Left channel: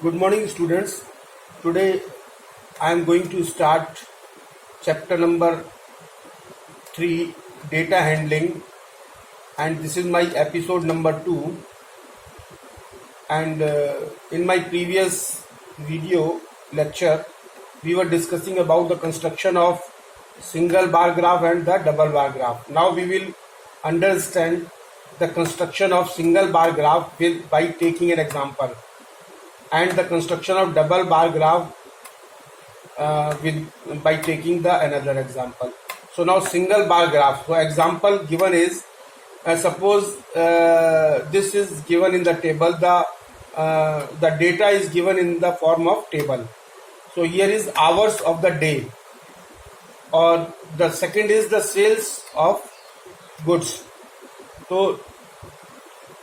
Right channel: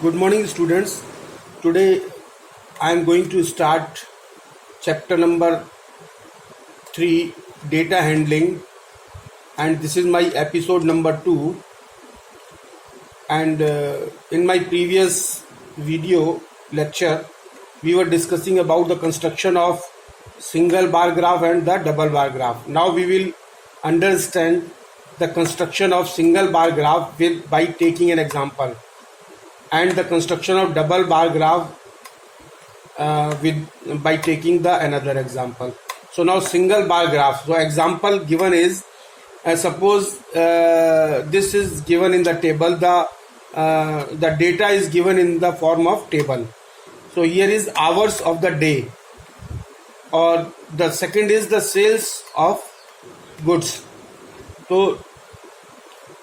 Good morning, students. Today I am going to start chapter number 3, data handling, and this is my episode number 2. And in my previous video lecture, we were discussing about the construction of single bar graph and the double bar graph. Now we will understand the construction of single bar graph by taking an example, and the construction of double bar graph by taking the another example. So now single bar graph. So example given is suppose this is given in the table. The data is given in the form of table. So here is hours of the day, or the second is the sales of goods. So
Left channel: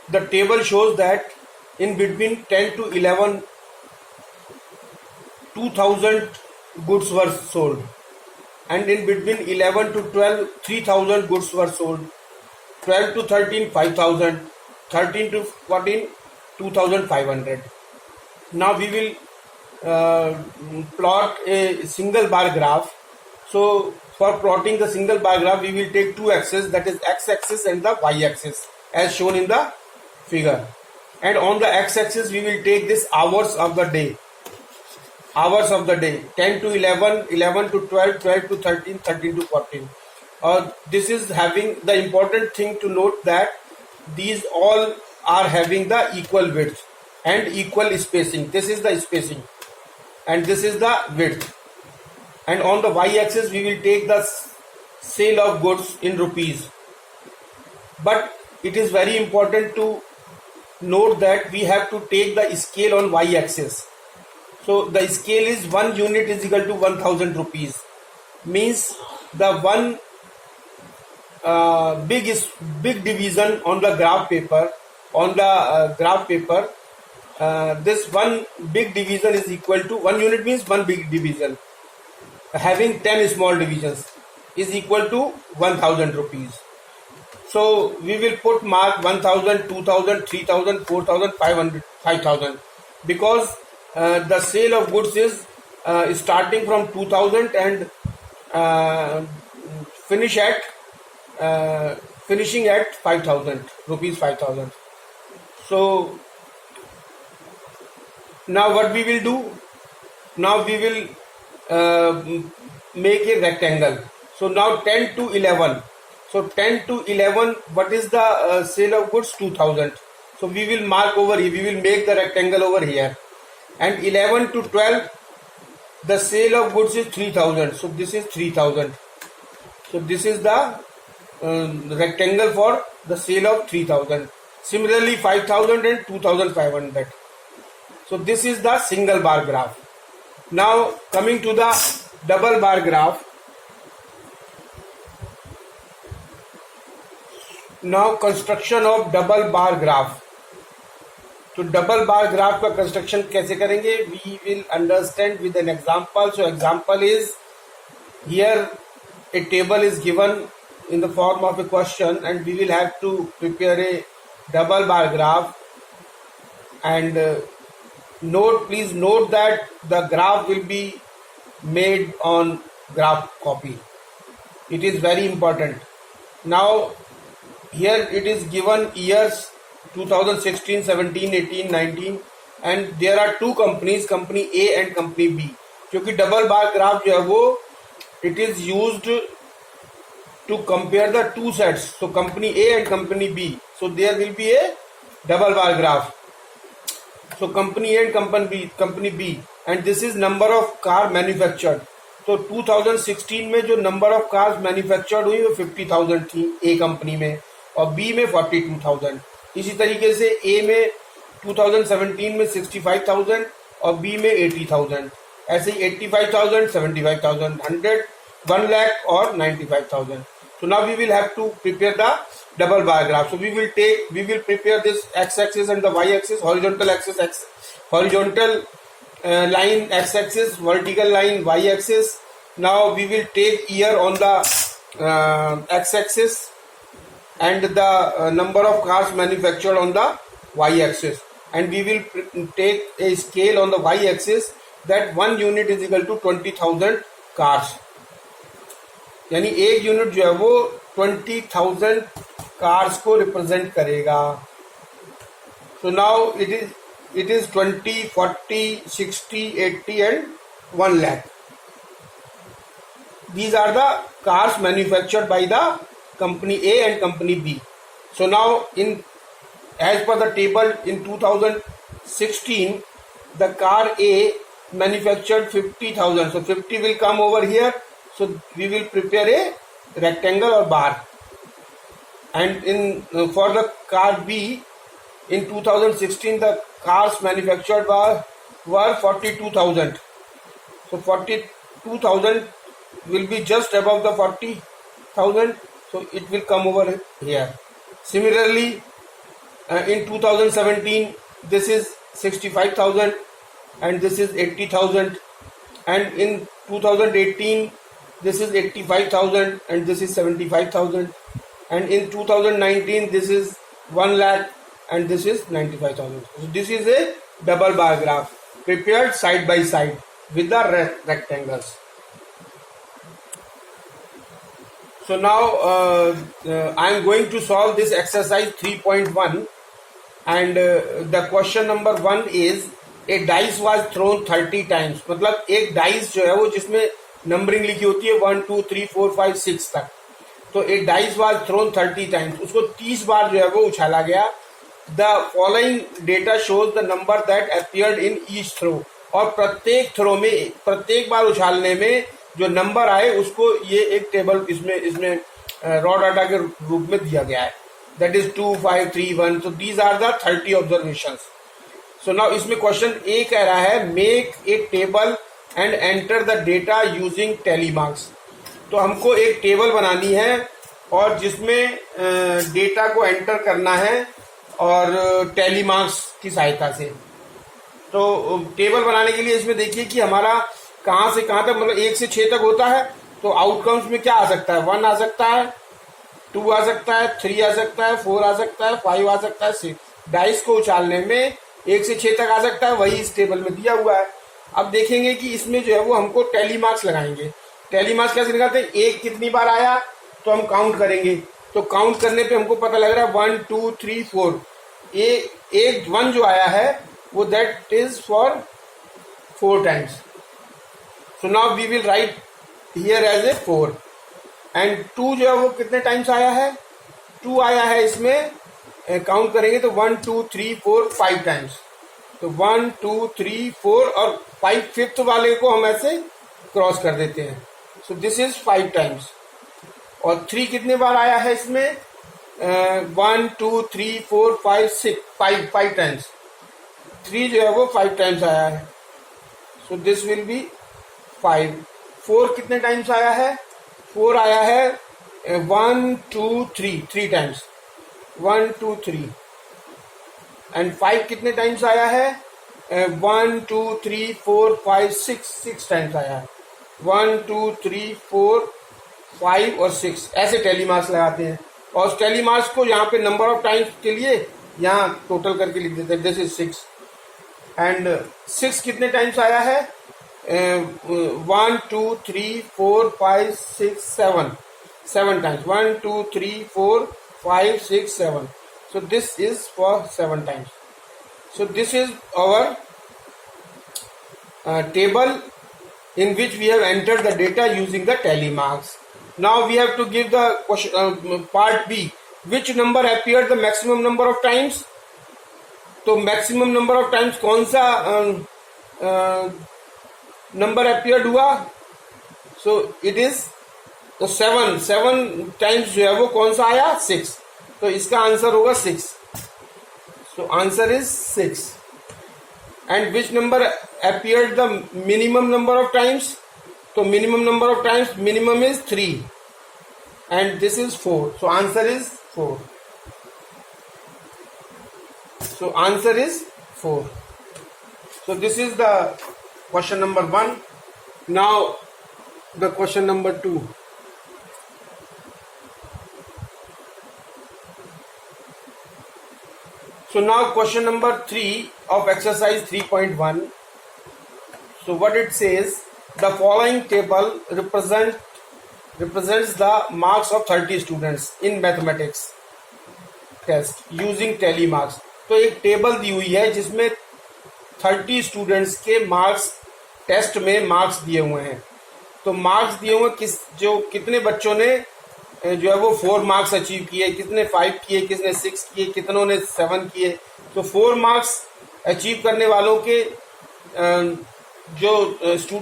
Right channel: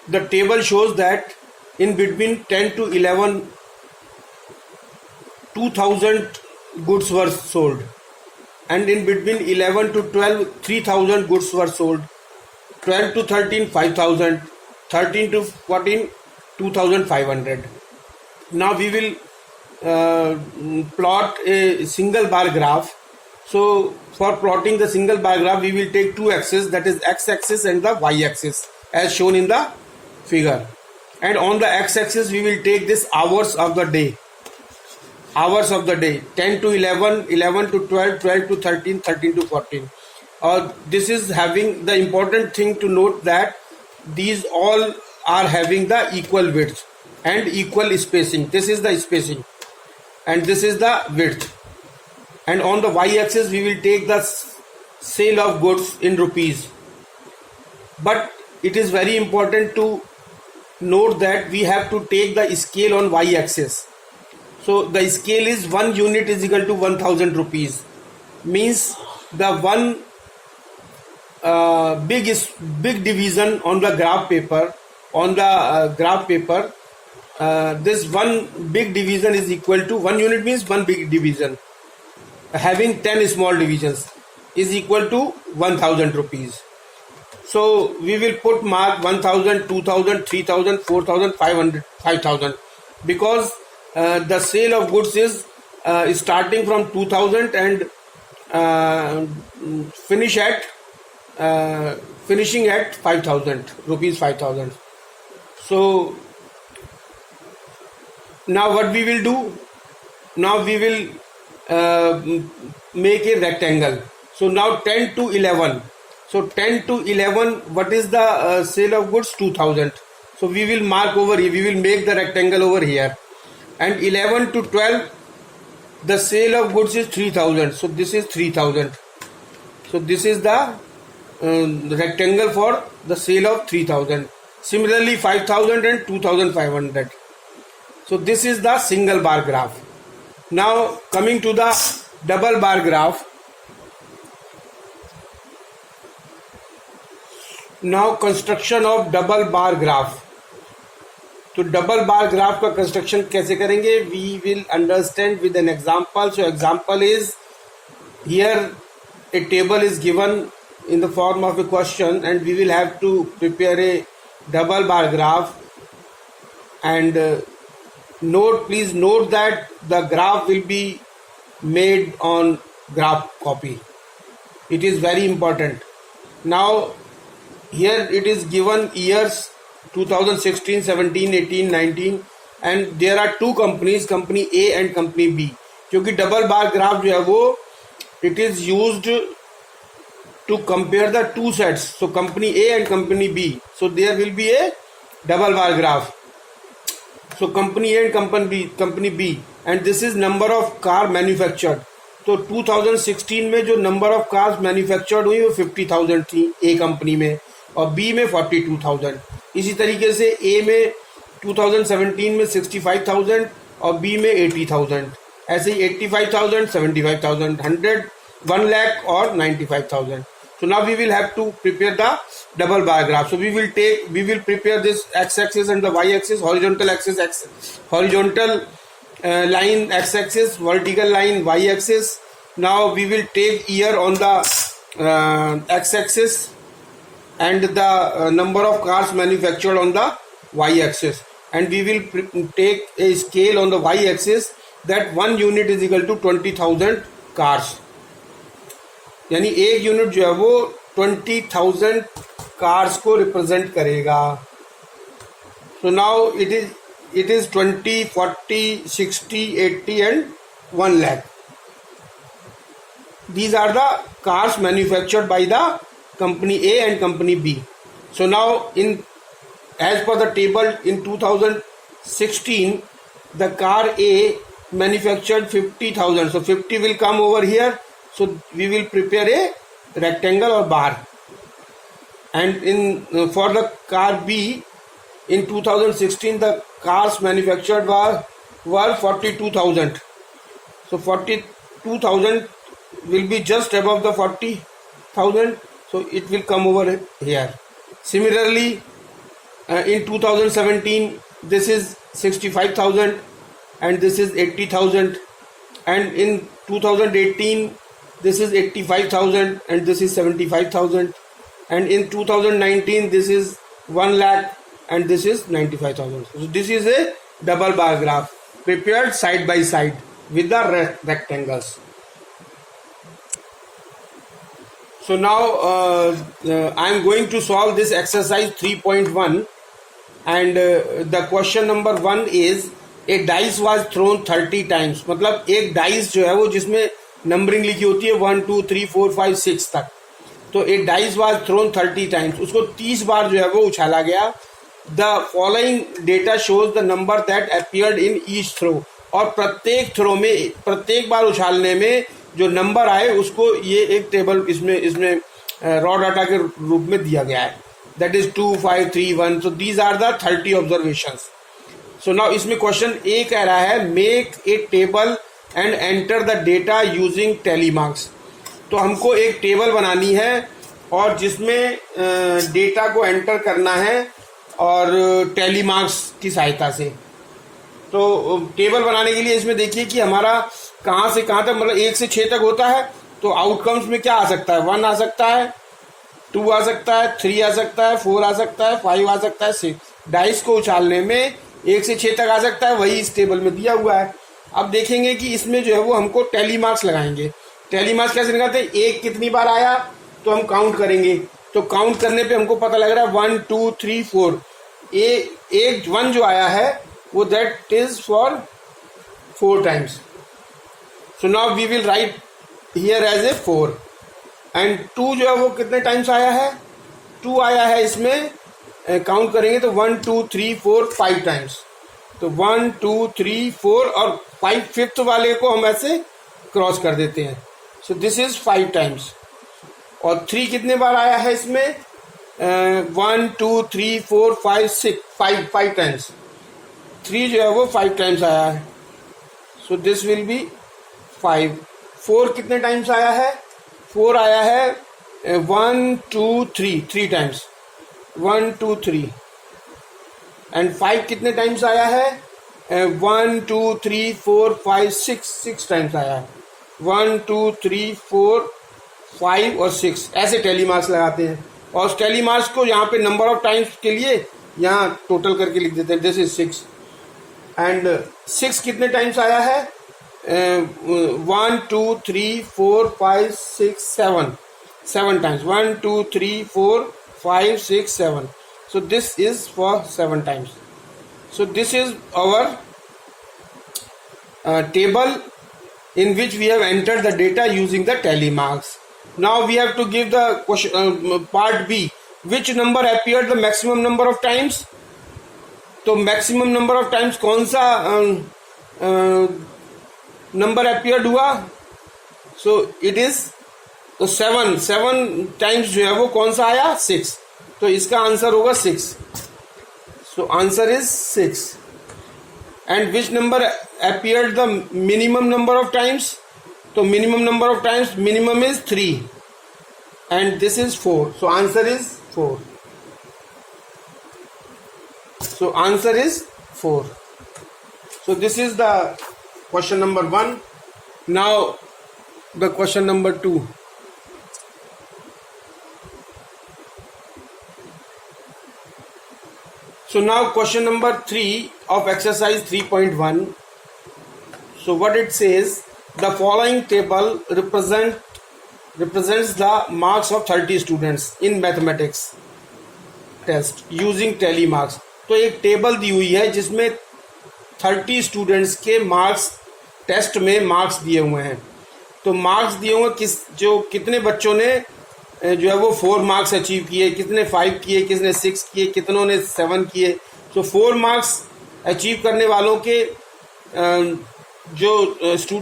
the table shows that in between 10 to 11, 2000 goods were sold, and in between 11 to 12, 3000 goods were sold, 12 to 13, 5000, 13 to 14, 2500. Now we will plot a single bar graph. So for plotting the single bar graph, we will take two axes, that is x-axis and the y-axis, as shown in the figure. And on the x-axis we will take this hours of the day. Hours of the day, 10 to 11, 11 to 12, 12 to 13, 13 to 14. This is having the important thing to note that these all are having the equal width and equal spacing. This is the spacing and this is the width. And on the y-axis we will take the sale of goods in rupees. But it is very important to note that we have to take the scale on y-axis. So the scale is 1 unit is equal to 1000 rupees. Means the one big division on the graph paper. This one big division is equal to 1 unit means one big division. Having 10 small divisions is equal to 1000 rupees. So we will put mark 1000, 2000, 3000, 4000, 500, 5000, because the sale of goods is starting from 2000 and finishing at 5000 rupees, 5000. So now what we will do? Now we will make a rectangle. So now 10 to 11. So 10 to 11, what is the sale of goods? 2000. So we will mark over here, we will make the rectangle over here. And 11 to 12, the sale of goods is 3000. So this is 3000. So this is the rectangle for the sale of 3000. Similarly 5000 and 2500. So this is the single bar graph. Now coming to the double bar graph. Now construction of double bar graph. तो double bar graph का construction कैसे करेंगे? We will understand with an example. So example is here a table is given in the form of a question, and we will have to prepare a double bar graph. And please note that the graph will be made on graph copy. It is very important. Now here it is given years 2016, 17, 18, 19, and there are two companies, company A and company B. क्योंकि double bar graph जो है वो it is used to compare the two sets. So company A and company B. So there will be a double bar graph. So company A and company B, and this is number of car manufactured. तो 2016 में जो number of cars manufactured हुई वो 50,000 थी A company में, और B में 42,000. इसी तरीके से A में 2017 में 65,000 और B में 80,000. ऐसे ही 85,000, 75,000, 1 lakh और 95,000. So now we will have to prepare the double bar graph. So we will prepare this x-axis and the y-axis, horizontal axis, horizontal line x-axis, vertical line y-axis. Now we will take year on the x-axis and the number of cars manufactured on the y-axis. and we will take a scale on the y-axis that 1 unit is equal to 20,000 cars. यानी एक unit जो है वो 20,000 cars को represent करेगा. So now it is 20, 40, 60, 80 and 1 lakh. These are the cars manufactured by the company A and company B. So now as per the table in 2016, the car A manufactured 50,000. So 50 will come over here. So we will prepare a rectangle or bar. And for the car B, in 2016 the cars manufactured were 42,000. So 42,000 will be just above the 40,000. So it will come over here. Similarly, in 2017 this is 65,000 and this is 80,000, and in 2018 this is 85,000 and this is 75,000, and in 2019 this is 1 lakh and this is 95,000. So this is a double bar graph prepared side by side with the rectangles. So now I am going to solve this exercise 3.1, and the question number 1 is a dice was thrown 30 times. मतलब एक dice जो है वो जिसमें numbering लिखी होती है 1 2 3 4 5 6 तक, तो एक डाइस वाज थ्रोन 30 टाइम्स, उसको 30 बार जो है वो उछाला गया. The following data shows the number that appeared in each throw. और प्रत्येक थ्रो में, प्रत्येक बार उछालने में जो नंबर आए उसको ये एक टेबल इसमें रॉ डाटा के रूप में दिया गया है. That is 2 5 3 1. So these are the 30 observations. So now इसमें क्वेश्चन ए कह रहा है make a table and enter the data using tally marks. तो हमको एक टेबल बनानी है और जिसमें डेटा को एंटर करना है और टैली मार्क्स की सहायता से. तो टेबल बनाने के लिए इसमें देखिए कि हमारा कहाँ से कहाँ तक, मतलब 1 से 6 तक होता है. तो आउटकम्स में क्या आ सकता है, 1 आ सकता है, 2 आ सकता है, 3 आ सकता है, 4 आ सकता है, 5 आ सकता है, 6. डाइस को उछालने में 1 से 6 तक आ सकता है, वही इस टेबल में दिया हुआ है. अब देखेंगे कि इसमें जो है वो हमको टैली मार्क्स लगाएंगे. टैली मार्क्स कैसे निकालते हैं, एक कितनी बार आया तो हम काउंट करेंगे. तो काउंट करने पे हमको पता लग रहा है 1 2 3 4. एक 1 जो आया है वो that is for 4 times. So now we will write here as a 4. And 2 जो है वो कितने टाइम्स आया है, 2 आया है. इसमें काउंट करेंगे तो 1 2 3 4 5 टाइम्स. तो 1 2 3 4 और 5 फिफ्थ वाले को हम ऐसे क्रॉस कर देते हैं. सो दिस इज 5 टाइम्स. और 3 कितने बार आया है इसमें, 1 2 3 4 5 6 5 टाइम्स. 3 जो है वो 5 टाइम्स आया है. So this will be 5. 4 कितने टाइम्स आया है, 4 आया है 1 2 3 टाइम्स, 1 2 3. एंड 5 कितने टाइम्स आया है, 1 2 3 4 5 6 टाइम्स आया है. 1 2 3 4 5 और 6 ऐसे टैली मार्क्स लगाते हैं. और उस टैली मार्क्स को यहाँ पे नंबर ऑफ टाइम्स के लिए यहाँ टोटल करके लिख देते हैं. This is 6. एंड 6 कितने टाइम्स आया है, 1 2 3 4 5 6 7 times. 1 2 3 4 5 6 7. So this is for 7 times. So this is our table in which we have entered the data using the tally marks. Now we have to give the question, part B. Which number appeared the maximum number of times? तो maximum number of times कौन सा number appeared हुआ? So it is तो 7 times जो है वो कौन सा आया, 6. तो इसका आंसर होगा 6. So answer is 6. And which number appeared the minimum number of times? तो minimum number of times, minimum is 3 and this is 4. So answer is 4. So answer is 4. So this is the question number 1. Now the question number 2. So now question number 3 of exercise 3.1. So what it says, the following table represents the marks of 30 students in mathematics test using tally marks. तो एक table दी हुई है जिसमें 30 students के marks, test में marks दिए हुए हैं. तो मार्क्स दिए हुए कितने बच्चों ने जो है वो 4 मार्क्स अचीव किए, कितने 5 किए, किसने 6 किए, कितनों ने 7 किए. तो 4 मार्क्स अचीव करने वालों के जो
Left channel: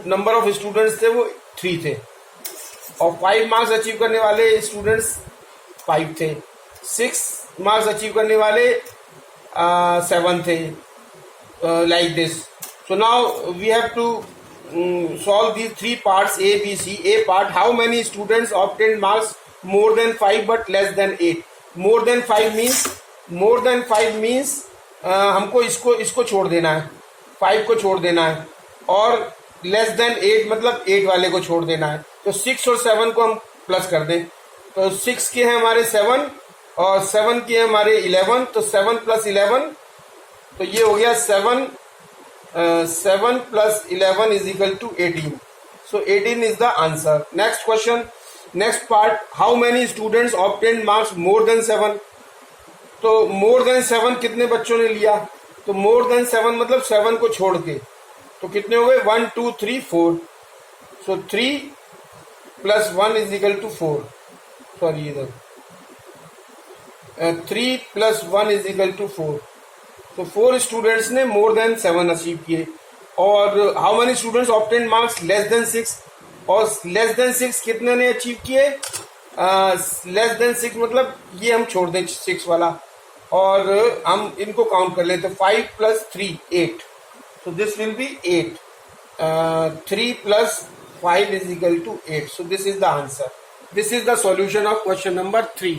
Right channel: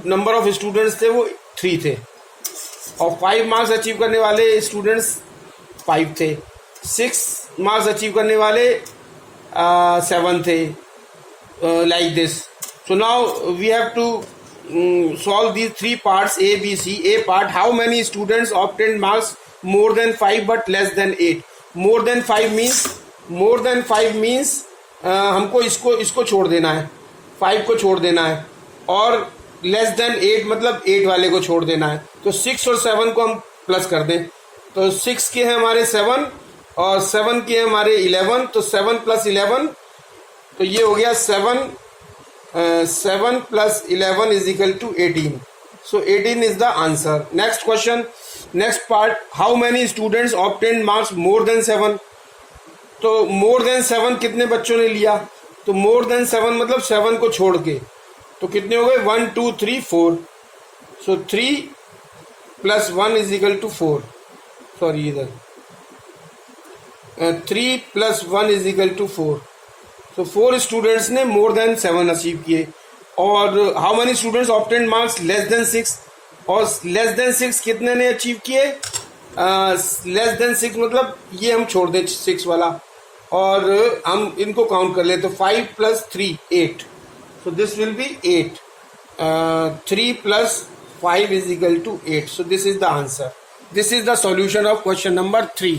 नंबर ऑफ स्टूडेंट्स थे वो 3 थे, और 5 मार्क्स अचीव करने वाले स्टूडेंट्स 5 थे, 6 मार्क्स अचीव करने वाले 7 थे, like this. So now we have to solve these 3 parts A, B, C. A part, how many students obtained marks more than 5 but less than 8? More than 5 means हमको इसको छोड़ देना है, 5 को छोड़ देना है, और less than 8 मतलब 8 वाले को छोड़ देना है. तो 6 और 7 को हम प्लस कर दें, तो 6 के हैं हमारे 7 और 7 के हैं हमारे 11. तो 7 + 11, तो ये हो गया 7 plus 11 is equal to 18. So 18 is the answer. Next question, next part, how many students obtained marks more than 7? तो more than 7 कितने बच्चों ने लिया? तो more than 7 मतलब 7 को छोड़ के, तो कितने हो गए? 1 2 3 4. So 3 plus 1 is equal to 4. Sorry, इधर 3 plus 1 is equal to 4. तो 4 स्टूडेंट्स ने मोर देन 7 अचीव किए. और how many students obtain marks less than 6? और लेस देन 6 कितने ने अचीव किए? लेस देन 6 मतलब ये हम छोड़ दें 6 वाला, और हम इनको काउंट कर लें. तो 5 + 3 8. So this will be 8. 3 + 5 is equal to 8. So this is the answer. This is the solution of question number 3.